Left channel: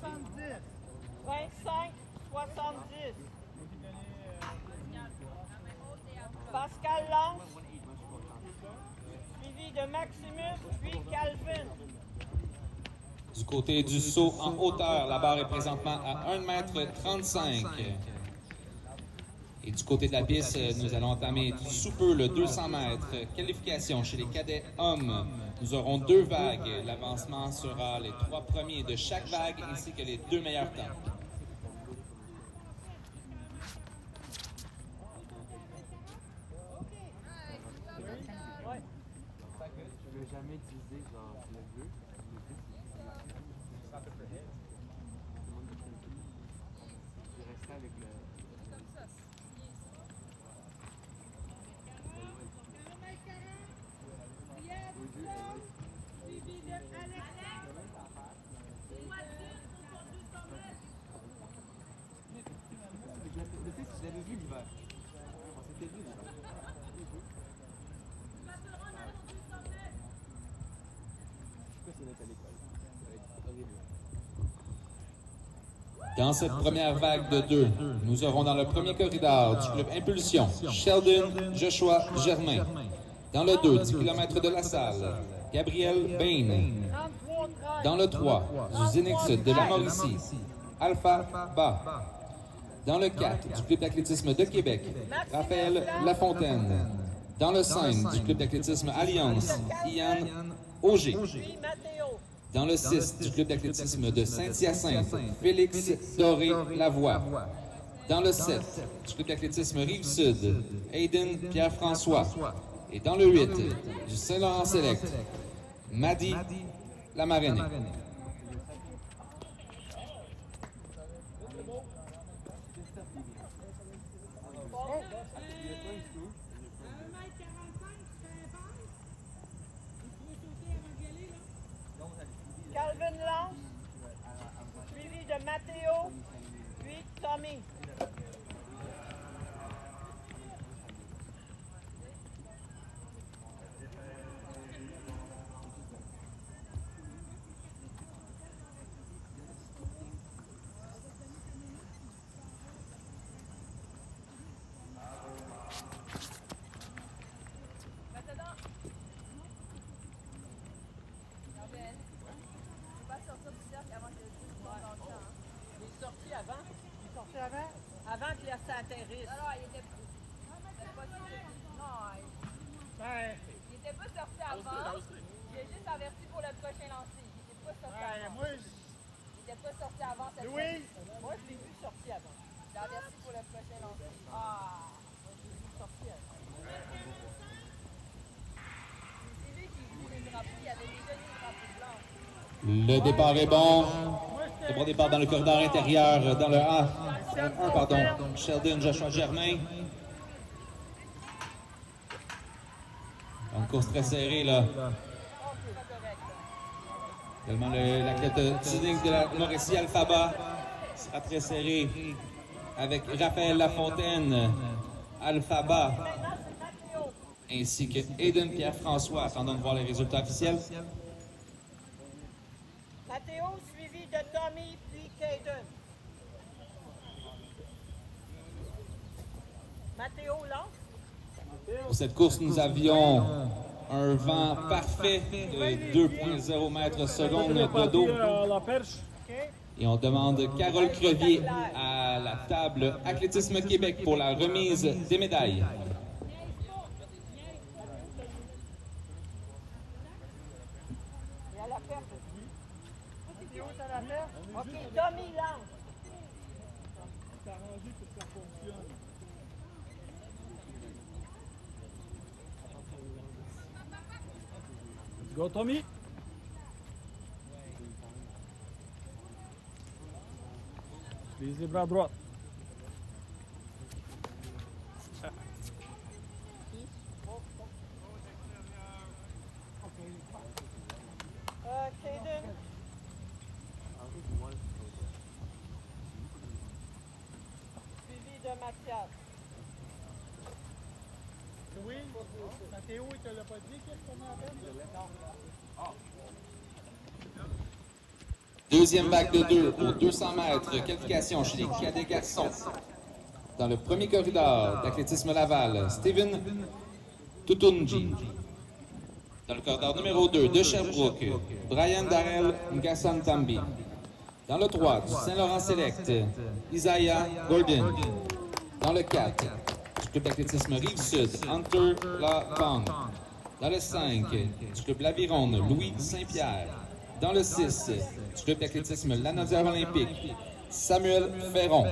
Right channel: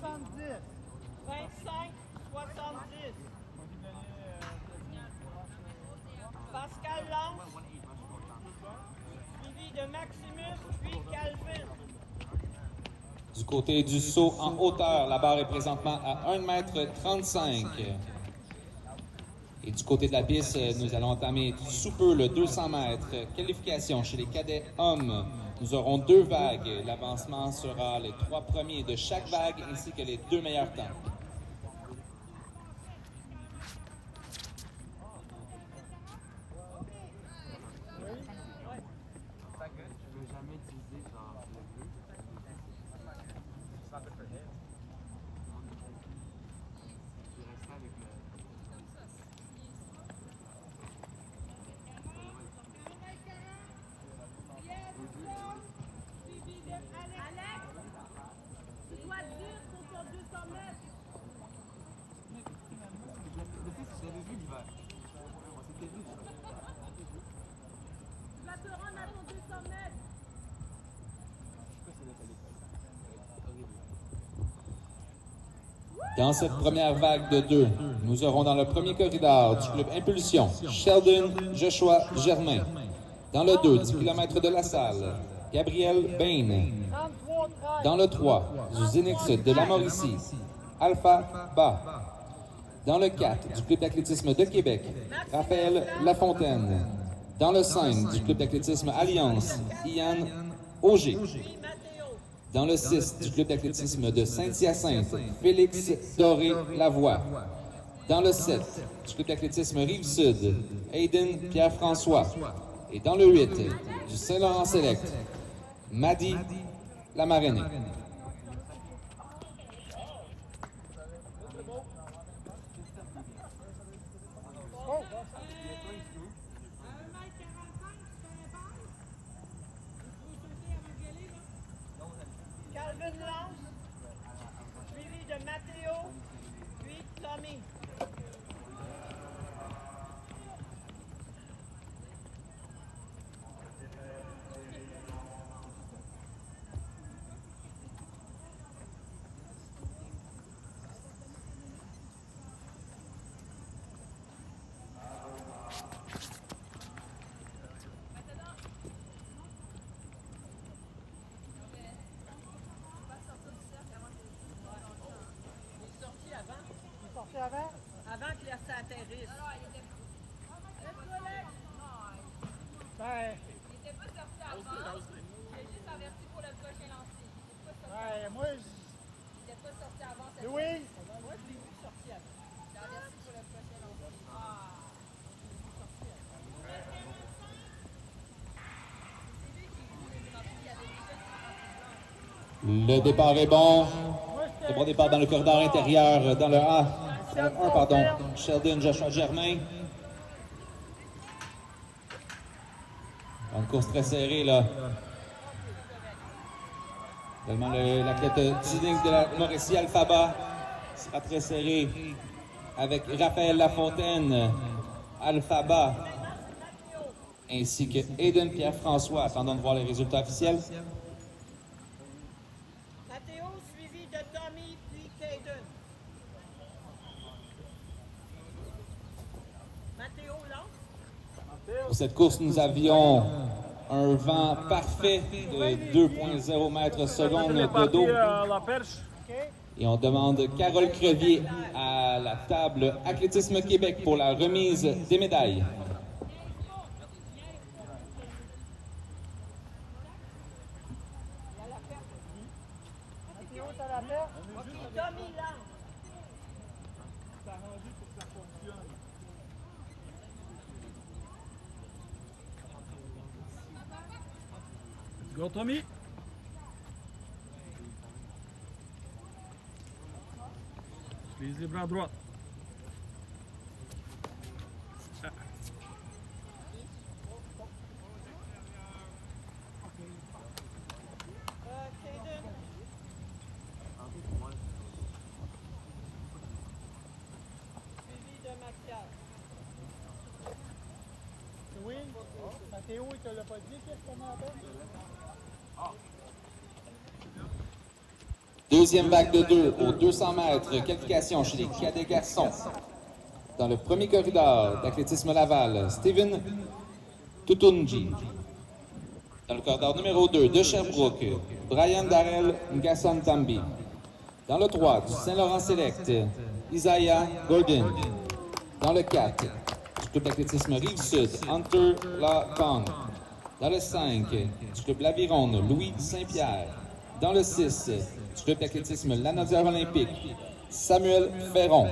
70. 25-70. Pascal Lance, suivi de Maximus, puis Calvin. Du côté du saut en hauteur, la barre est présentement à 1,35 m. Et du côté de la piste, nous allons entamer sous peu le 200 mètres. Qualification chez les cadets hommes. Nous aurons 2 vagues. L'avancement sera les 3 premiers de chaque vague ainsi que les 2 meilleurs temps. Dans cette première vague de 2, nous aurons dans le premier corridor du club Impulsion, Sheldon Joshua Germain. Dans le 2, 10 km de la salle, Gabriel Bain. Dans le 3, du Zenix de la Mauricie, Alpha Ba. Dans le 4, du club d'athlétisme de Québec, Raphaël Lafontaine. Dans le 5, du club d'athlétisme Alliance, Ian Auger. Dans le 6, du club d'athlétisme de Saint-Hyacinthe, Félix Doré Lavoie. Dans le 7, du club d'athlétisme Rive-Sud, Hayden Pierre-François. Et dans le 8, du Saint-Laurent Select, Madi Lamarainé. Calvin Lance, suivi de Mathéo, puis Tommy. Avant que ça atterrisse. Non, il était pas il était pas sorti avant. Il est juste averti pour le prochain lancer. Il était pas sorti avant. Il était pas sorti avant cette fois. Moi, je l'ai vu sorti avant. Il est averti pour le prochain lancer. Je l'ai vu sorti avant. C'est lui qui joue les drapeaux. Il y avait déjà des drapeaux blancs. Le départ est bon. Le bon départ dans le corridor intérieur, dans le A. 1, pardon. Sheldon Joshua Germain. Une course très serrée, là. Également, l'athlète Tuning de la Mauricie, Alphaba, sera très serré avec Raphaël Lafontaine, Alphaba, ainsi que Hayden Pierre-François. Attendons de voir les résultats officiels. Mathéo, suivi de Tommy, puis Caden. Mathéo Lance. Pour cette course, nous avions un vent parfait de 2,0 mètres secondes de dos. Et on demande Carole Crevier à la table Athlétisme Québec pour la remise des médailles. Il y a la perte. Mathéo, t'as la perte? OK, Tommy Lance. Go, Tommy. Utilise les bras droits. Caden. Suivi de Mathias. Oui, Mathéo, il te l'a pas dit qu'est-ce qu'on a à peine? Non. Deuxième vague de 2 aux 200 mètres, qualification chez les cadets garçons. Dans le premier corridor d'athlétisme Laval, Steven Tutunji. Dans le corridor numéro 2 de Sherbrooke, Brian Darrell Ngasson Tambi. Dans le 3 du Saint-Laurent Select, Isaiah Gordon. Dans le 4 du club d'athlétisme Rive-Sud, Hunter Lacong. Dans le 5 du club L'Aviron, Louis Saint-Pierre. Dans le 6 du club d'athlétisme Lanaudière Olympique, Samuel Ferron.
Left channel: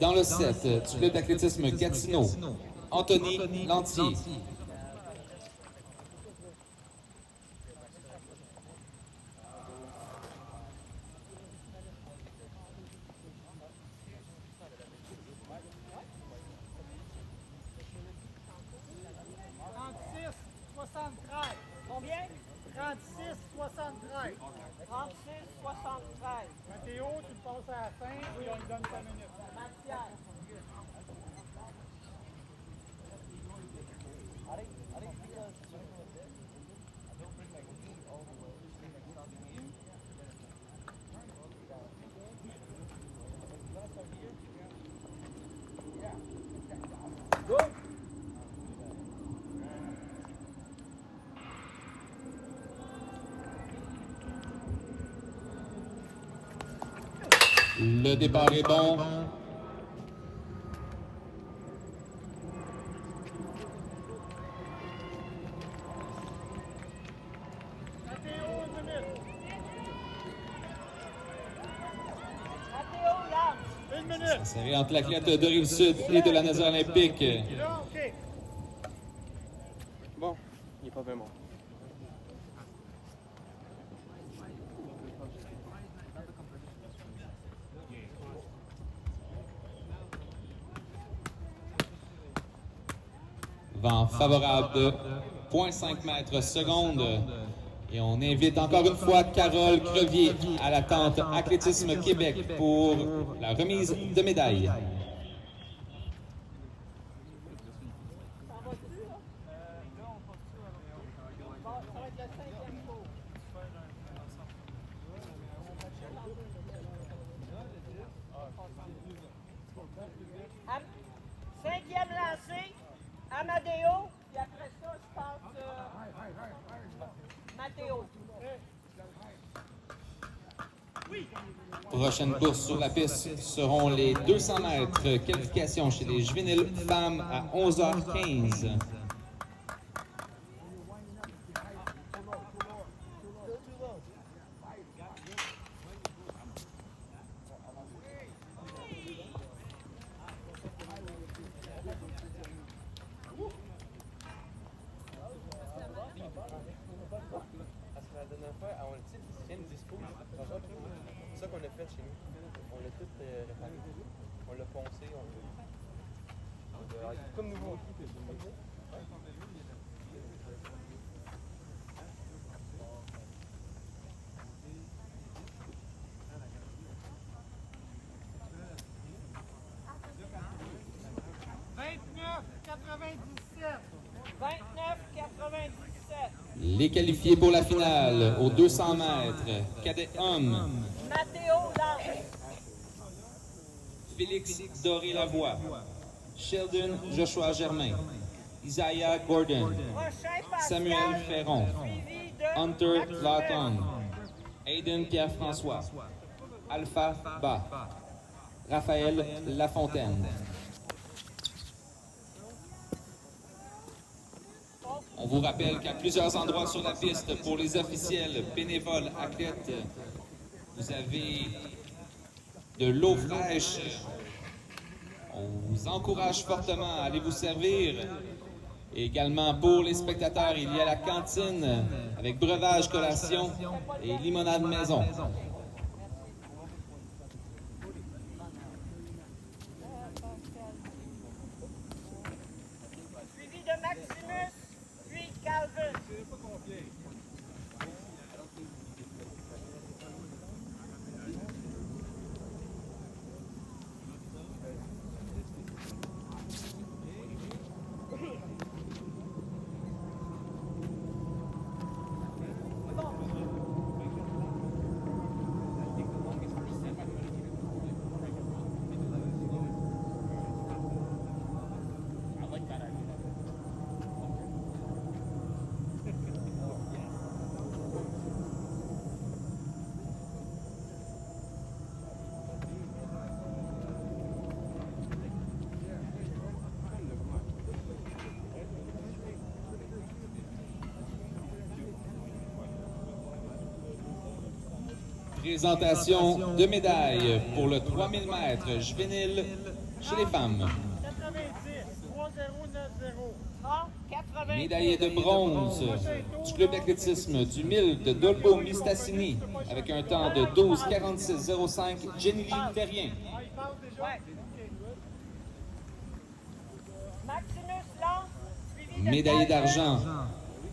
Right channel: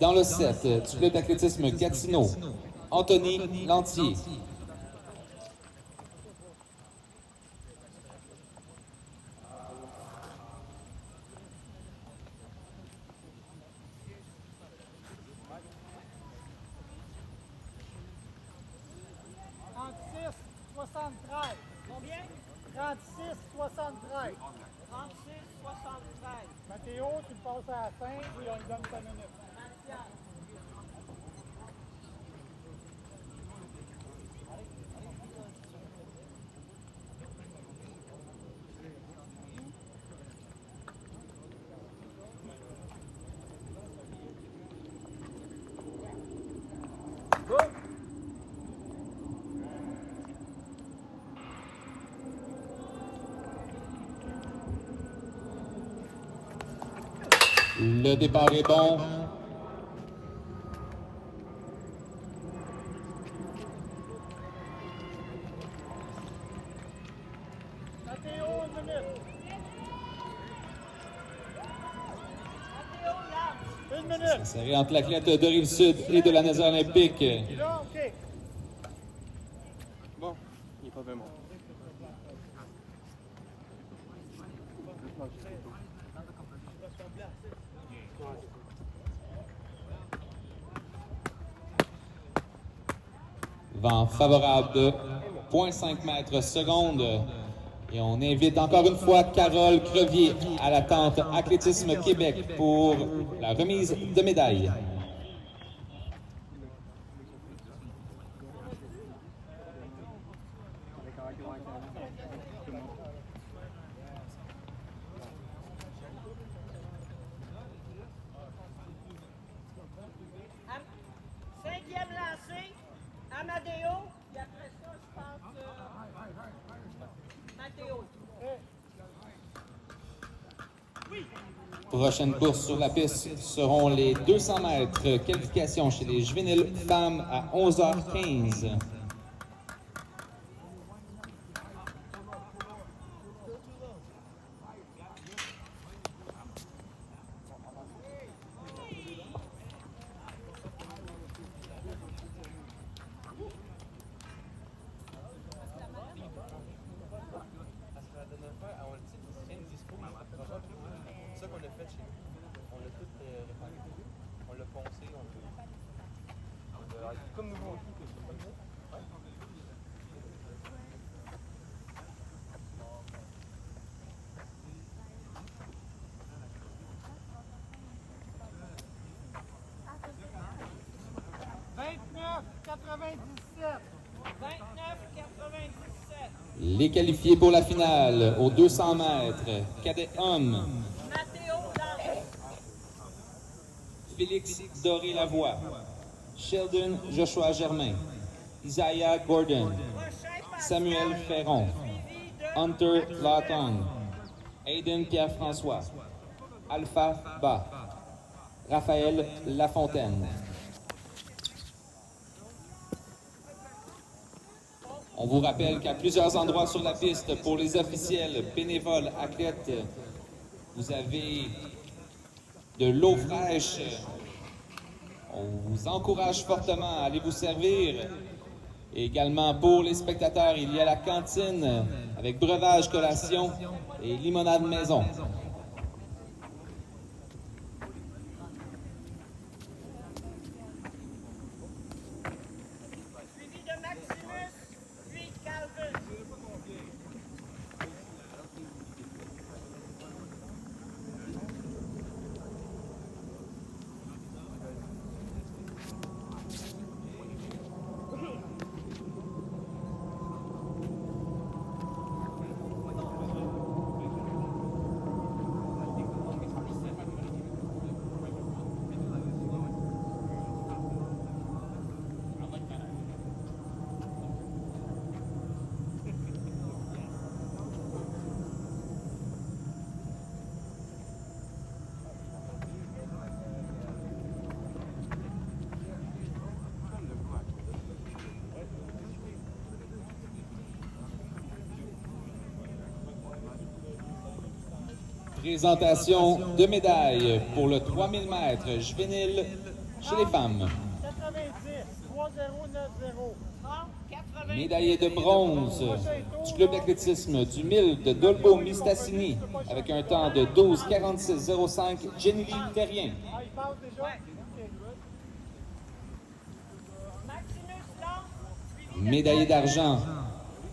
Dans le 7 du club d'athlétisme Gatineau, Anthony Lantier. Combien? 36-73. 36-73. Mathéo, tu le passes à la fin et on lui donne 5 minutes. Mathias. Le départ est bon. Mathéo, 1 minute. Mathéo, lance. 1 minute. C'est entre l'athlète de Rive-Sud et de la Naudière Olympique. Là, OK. Bon, il n'est pas vraiment. Vent favorable de 0,5 mètres seconde. Et on invite encore une fois Carole Crevier à la tente Athlétisme Québec pour la remise de médailles. Cinquième lancé, Amadeo, et après ça, je pense Mathéo. Prochaine course sur la piste seront les 200 mètres. Qualification chez les juvéniles femmes à 11h15. C'est ça qu'on a fait chez nous. On l'a tout réparé. On l'a poncé. Comme nouveau. Les qualifiés pour la finale aux 200 mètres. Cadet homme, Mathéo, lance. Félix Doré-Lavoie, Sheldon Joshua Germain, Isaiah Gordon, Prochain Pascal, Samuel Ferron, suivi de Hunter Maxime. Lacong, Aiden Pierre-François, Alpha Ba, Raphaël Lafontaine. On vous rappelle qu'à plusieurs endroits sur la piste, pour les officiels, bénévoles, athlètes, vous avez de l'eau fraîche. On vous encourage fortement à aller vous servir. Et également pour les spectateurs, il y a la cantine avec breuvage, collation et limonade maison. Suivi de Maximus, puis Calvin. Présentation de médailles pour le 3000 mètres juvénile chez les femmes. 90, 3090. 30, 80. Médaillé de bronze du club d'athlétisme du 1000 de Dolbeau-Mistassini avec un temps de 12,46,05, Jenny Terrien. Ah, il passe déjà? Ouais. OK. Maximus Lance, suivi de Médaillé Calvin. d'argent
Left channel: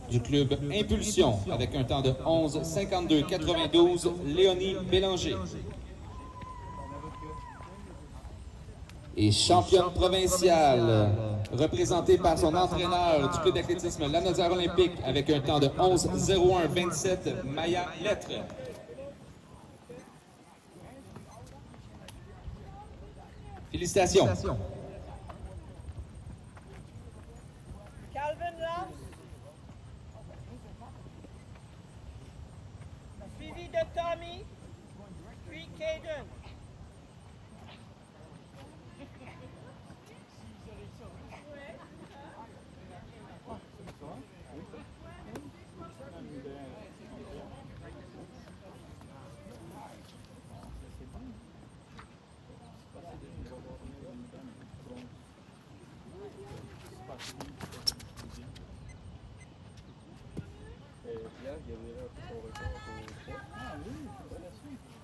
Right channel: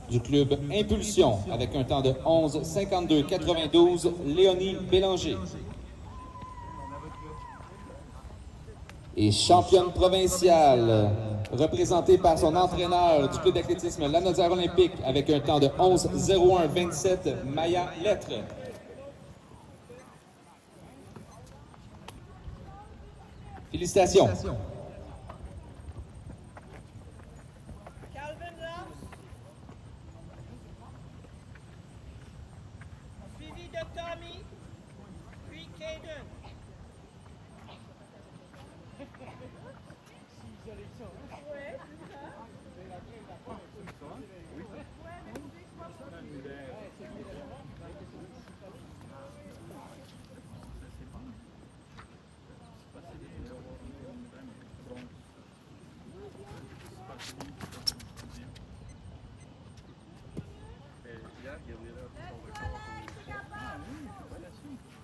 du club Impulsion avec un temps de 11,52,92, Léonie Bélanger. Et championne provinciale, représentée par son entraîneur du club d'athlétisme Lanaudière Olympique avec un temps de 11,01,27, Maya Lettre. Félicitations. Calvin Lance, suivi de Tommy, puis Caden.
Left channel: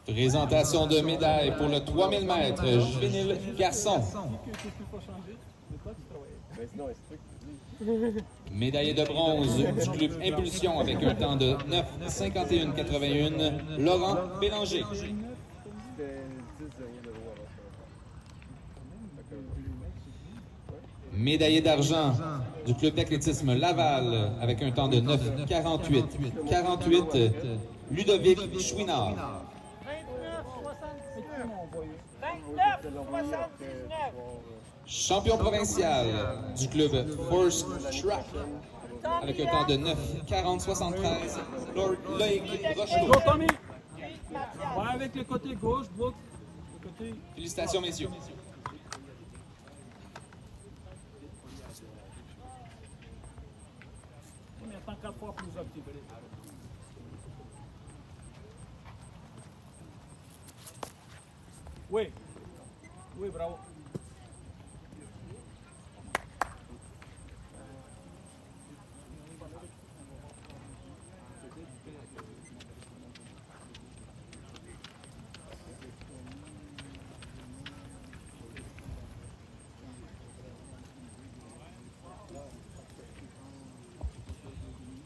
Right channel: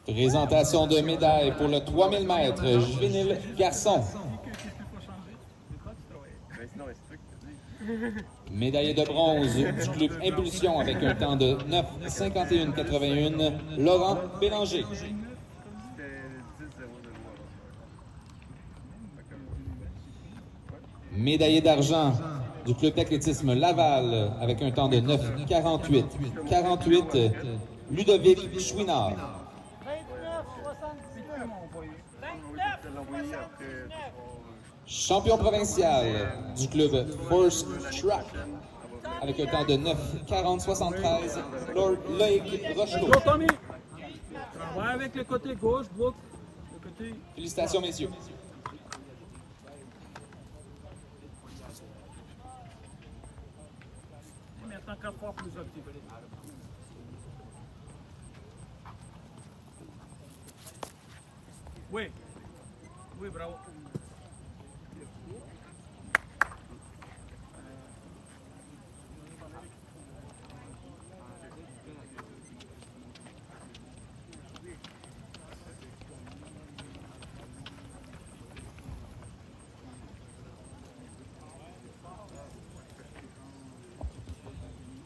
Présentation de médailles pour le 3000 mètres juvénile garçon. Médaillé de bronze du club Impulsion avec un temps de 9,51,81, Laurent Bélanger. Médaillé d'argent du club d'athlétisme Laval avec un temps de 9,48,48, Ludovic Chouinard. 29, 79. 29, 79. Champion provincial du club Force Track avec un temps de 9,40,73, Loïc Rochereau. Go, Tommy! Puis Mathias. Ouais, avec le côté gauche, Brooke. Le côté... Félicitations, messieurs. Mais attends 4 fois plus actif. Oui. Oui, bravo.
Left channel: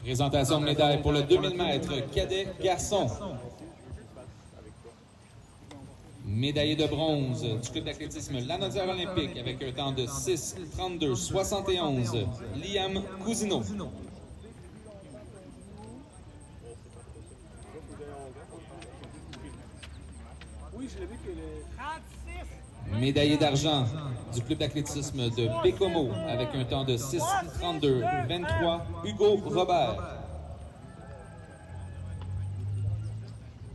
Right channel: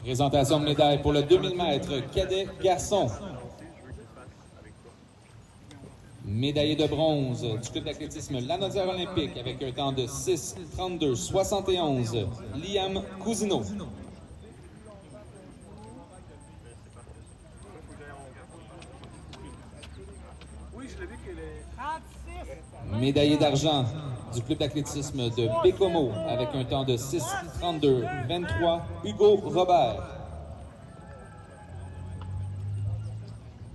Présentation de médaille pour le 2000 mètres cadet garçon. Médaillé de bronze du club d'athlétisme Lanaudière Olympique avec un temps de 6,32,71, Liam Cousineau. Oui, je l'ai vu qu'il est... 36. Médaillé d'argent du club d'athlétisme de Bécomo avec un temps de 6,32,23, Hugo Robert.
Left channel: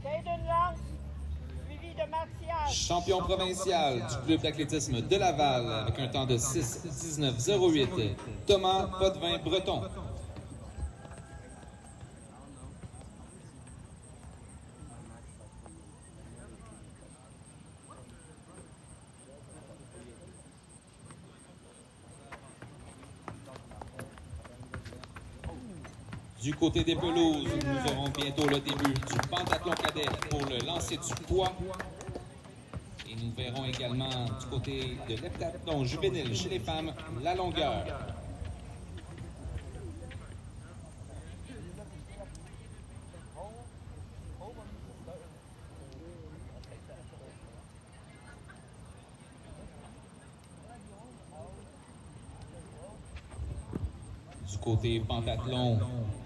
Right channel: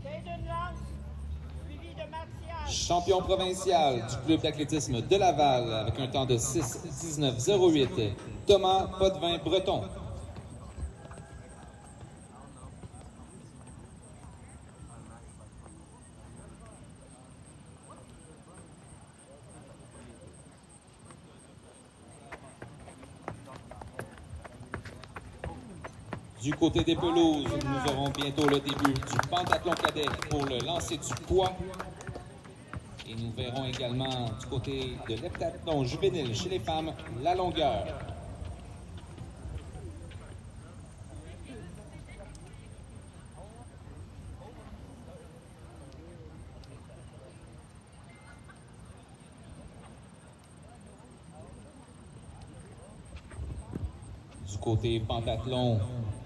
Caden Lance, suivi de Mathias. Champion provincial du club d'athlétisme de Laval avec un temps de 6,19,08, Thomas Potvin-Breton. Du côté des pelouses, nous aurons bientôt le début du pentathlon cadet pour le lancer du poids. Et nous verrons également du côté de l'heptathlon juvénile chez les femmes, la longueur. Du côté pentathlon,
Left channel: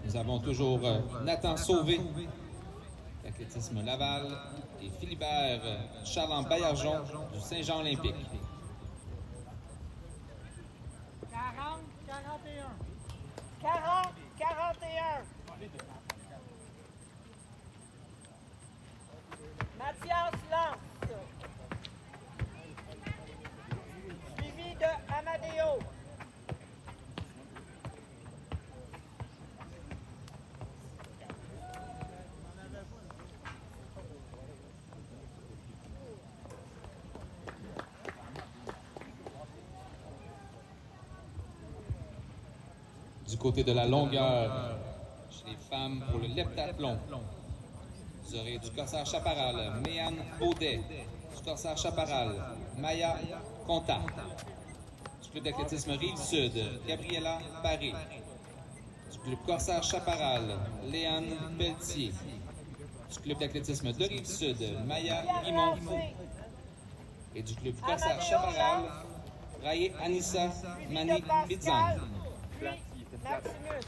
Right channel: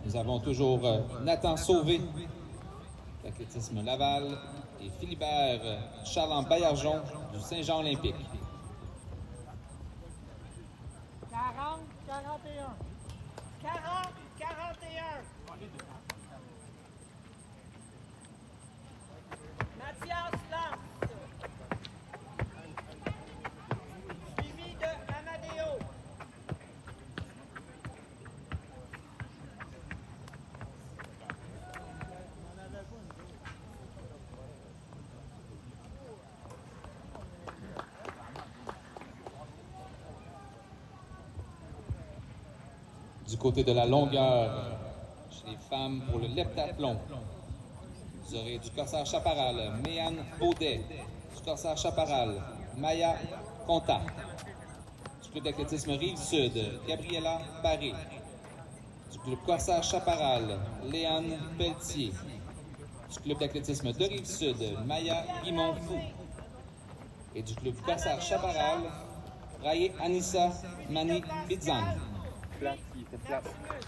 nous avons toujours Nathan Sauvé, d'athlétisme Laval, et Philibert Charland-Baillargeon du Saint-Jean Olympique. 40, 41. 40, 41. Mathias Lance. Suivi de Amadeo. Du côté de la longueur, chez les femmes pour le leptathlon, vous aurez du corsage chaparral, Méane Baudet. Du corsage chaparral, Maya Conta. Du club d'athlétisme Rive-Sud, Gabriela Paré. Du club corsage chaparral, Léane Pelletier. Du club d'athlétisme de Rive-Sud, Maya Guimond-Fou. Et du club corsage chaparral, Raye Anissa Mani Bidzang. Maximus.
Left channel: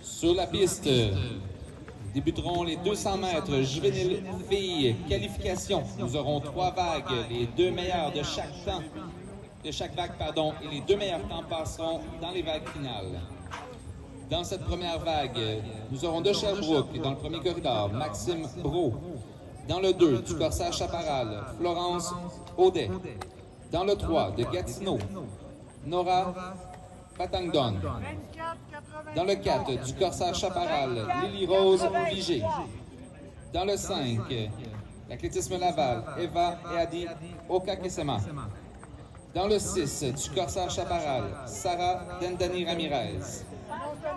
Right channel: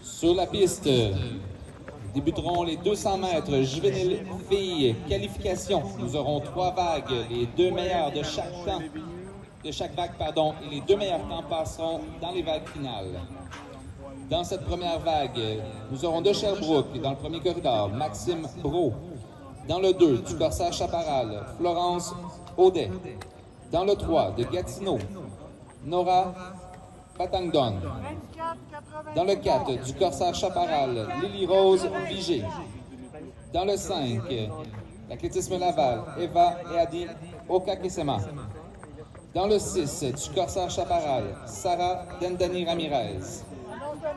Sur la piste, débuteront les 200 mètres juvéniles filles qualification. Nous aurons 3 vagues, les 2 meilleurs de chaque vague, et les 2 meilleurs temps passeront dans les vagues finales. Dans cette première vague, nous aurons de Sherbrooke, dans le premier corridor, Maxime Brault. Dans le 2, du corsage chaparral, Florence Audet. Dans le 3, de Gatineau, Nora Patangdon. Dans le 4, du corsage chaparral, Lily Rose Vigé. Dans le 5, l'athlétisme Laval, Eva et Adi Okakesema. Dans le 6, du corsage chaparral, Sarah Dendani Ramirez.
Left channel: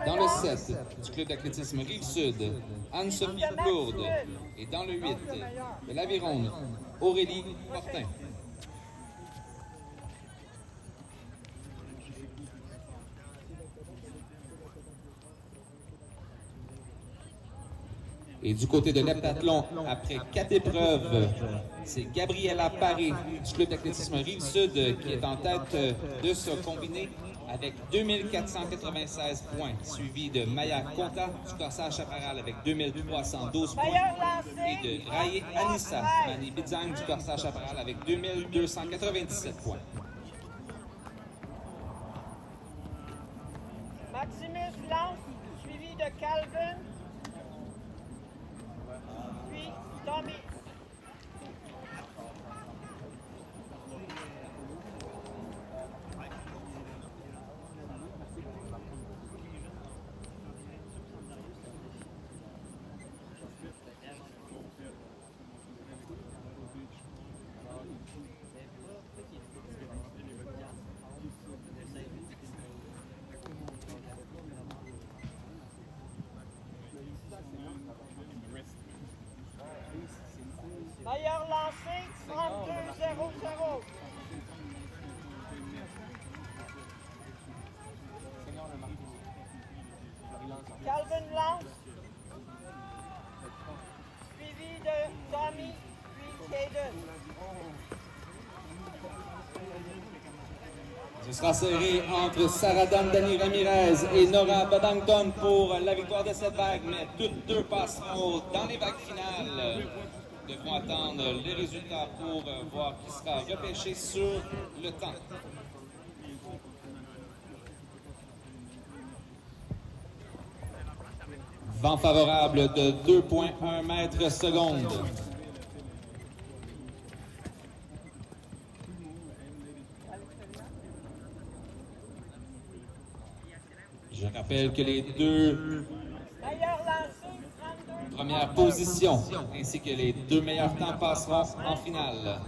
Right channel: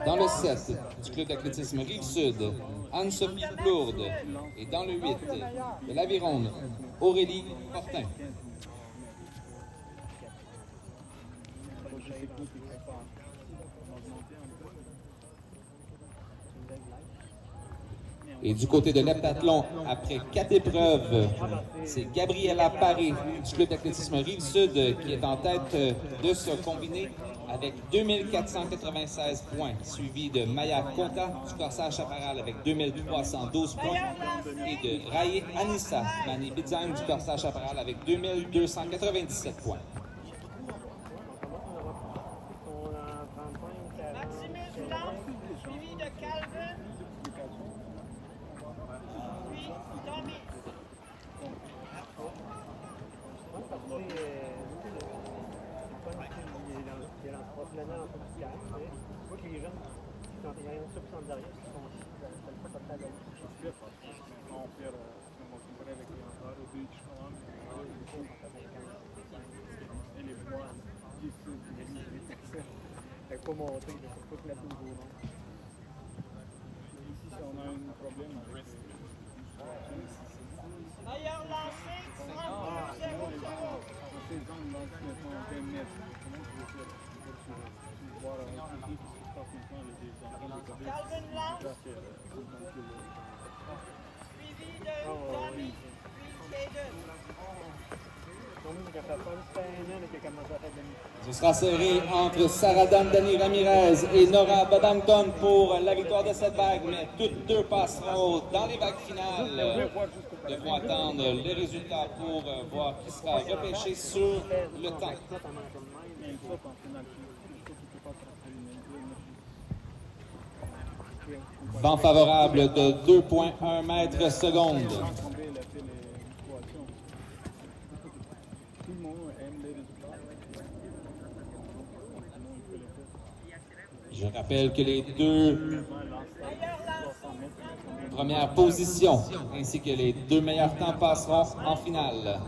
Dans le 7, du club d'athlétisme Rive-Sud, Anne-Sophie Plourde. Et dans le 8, de l'Aviron, Aurélie Fortin. Et du côté de l'heptathlon, après 4 épreuves, c'est Gabriela Paré du club d'athlétisme Rive-Sud qui est en tête de ce combiné avec 2496 points, suivi de Maya Conta du corsage chaparral avec 2312 points et de Raye Anissa Mani Bidzang du corsage chaparral avec 2297 points. Maximus Blanc, suivi de Calvin. Puis Tommy. Meilleur lancé, 32-0-0. Calvin Lance, suivi de Tommy, puis Caden. Ce sera serré entre Sarah Dani Ramirez et Nora Badangton pour la victoire de cette vague, mais toutes deux passeront dans les vagues finales. Devront attendre les résultats pour voir qui sera repêché sur le temps. Vent favorable de 2,1 mètres secondes. Je rappelle que les deux premières positions ainsi que les deux meilleurs temps passeront en finale.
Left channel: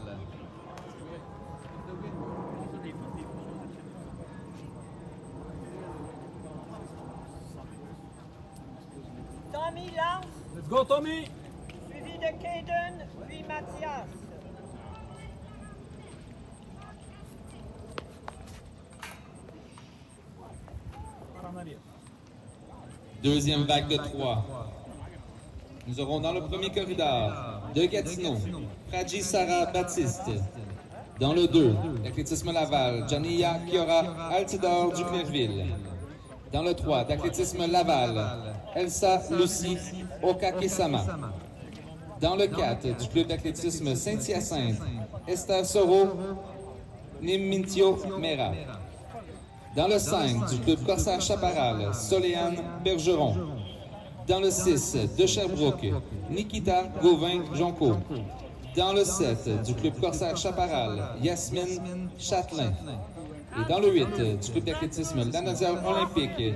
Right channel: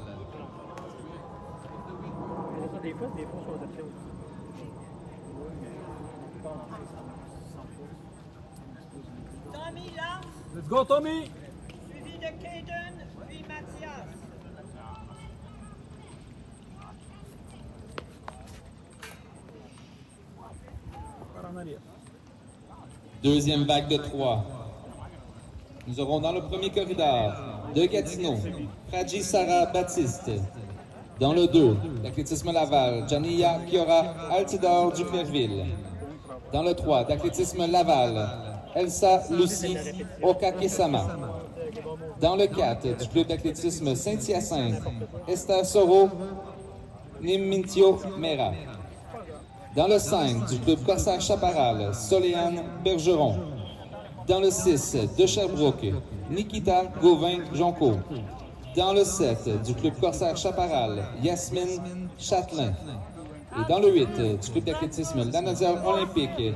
Tommy Lance, Let's go, Tommy! suivi de Caden, puis Mathias. Par en arrière. Deuxième vague de 3. Nous aurons dans le premier corridor de Gatineau, Raji Sarah Baptiste. Dans le 2, l'athlétisme Laval, Jania Kiora Altidor du Clairville. Dans le 3, d'athlétisme Laval, Elsa Lucie Okakesama. Dans le 4, du club d'athlétisme Saint-Hyacinthe, Esther Soro Nimintio Mera. Dans le 5 du club Corsaire Chaparral, Soléane Bergeron. Dans le 6 de Sherbrooke, Nikita Gauvin-Jonco. Dans le 7 du club Corsaire Chaparral, Yasmine Châtelain. Et dans le 8 du club d'athlétisme Lanadia Olympique,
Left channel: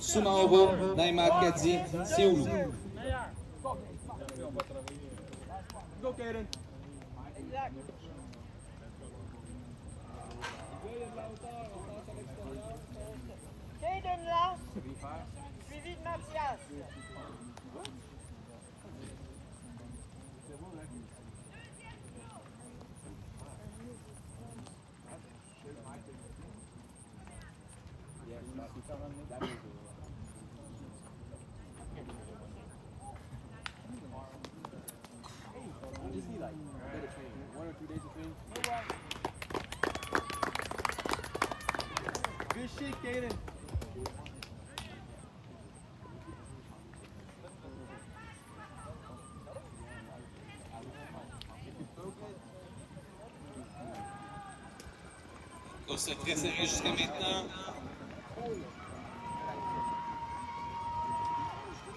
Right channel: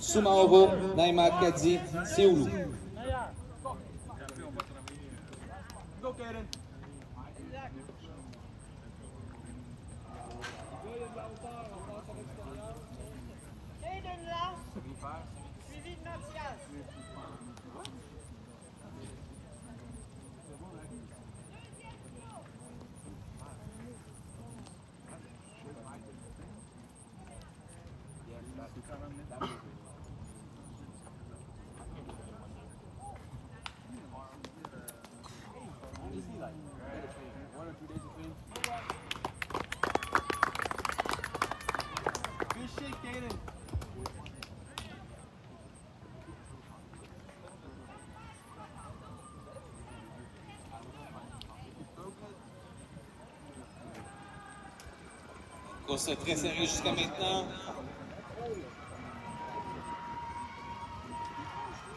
Soumaoro Naima Kadi Seoulou. Meilleur. Go, Kaden. Exact. Caden lance, suivi de Mathias. Good shit, Kaden. Course très sérieuse jusqu'à maintenant.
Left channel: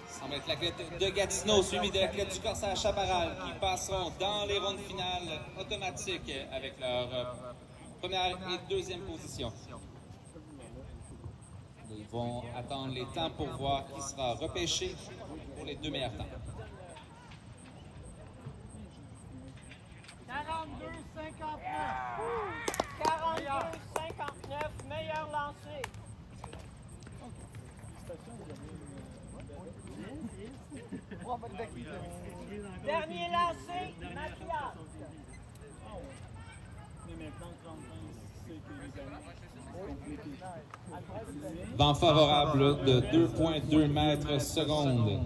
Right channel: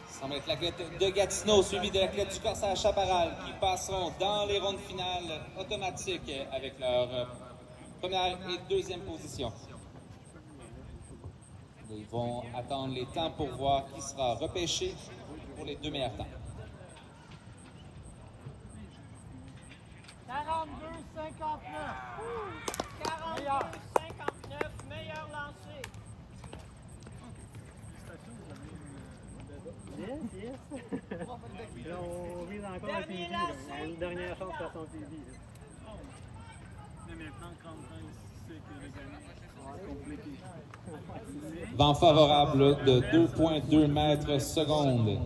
Ça va être l'athlète de Gatineau, suivi de l'athlète du Corsaire Chaparral, qui passeront dans les rondes finales automatiques avec leur première et deuxième position. Ils vont attendre les temps pour voir qui sera repêché pour les deux meilleurs temps. 42-59. 42-59, meilleur lancé. Dernier lancé. Dernière chance Mathias. à son TV. Mais maintenant, quand il sait que les amis sont compliqués. Vent favorable de 2,2 mètres secondes.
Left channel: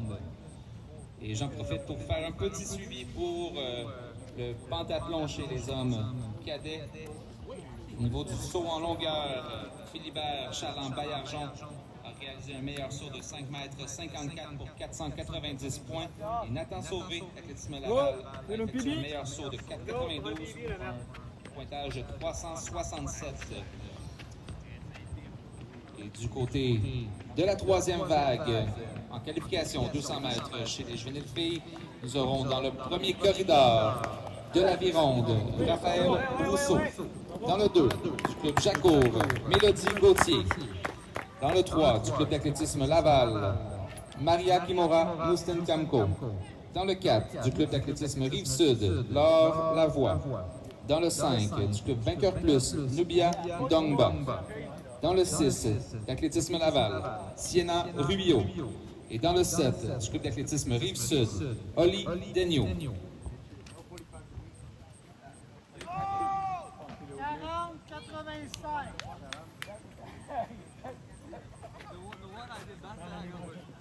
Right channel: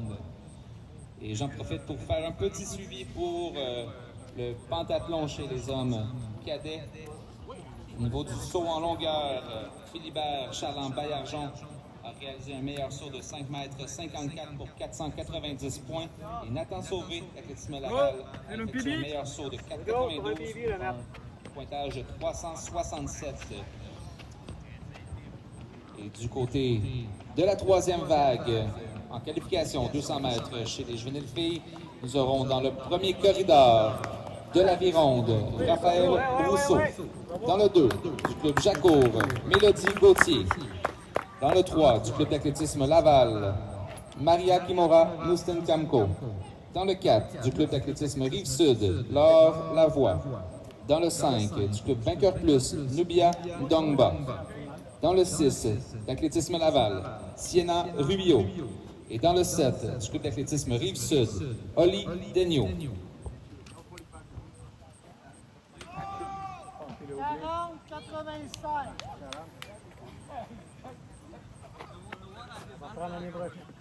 Et j'en profite pour faire un petit suivi pour le pentathlon chez les hommes cadets. Au niveau du saut en longueur, Philibert Charland-Baillargeon a réalisé un meilleur saut de 5 mètres 54 pour 490 points. Et Nathan Sauvé, d'athlétisme Laval, a effectué un meilleur saut de 4,92 pour un pointage de 367. Et du côté de la troisième vague, en qualification 200 mètres chez les juvéniles filles, nous aurons dans le premier corridor de l'Avironde, Raphaël Rousseau. Dans le 2, du club Jacour, Mélodie Gauthier. Dans le 3, du club d'athlétisme Laval, Maria Kimora Moustin Kamko. Dans le 4, du club d'athlétisme Rive-Sud, Laure Lavoie. Dans le 5, du club Vainqueur Plus, Nubia Dongba. Dans le 6, d'athlétisme Laval, Sienna Rubio. Et dans le 7, du club d'athlétisme Rive-Sud, Oli Denio. 40-85. Prends l'année prochaine.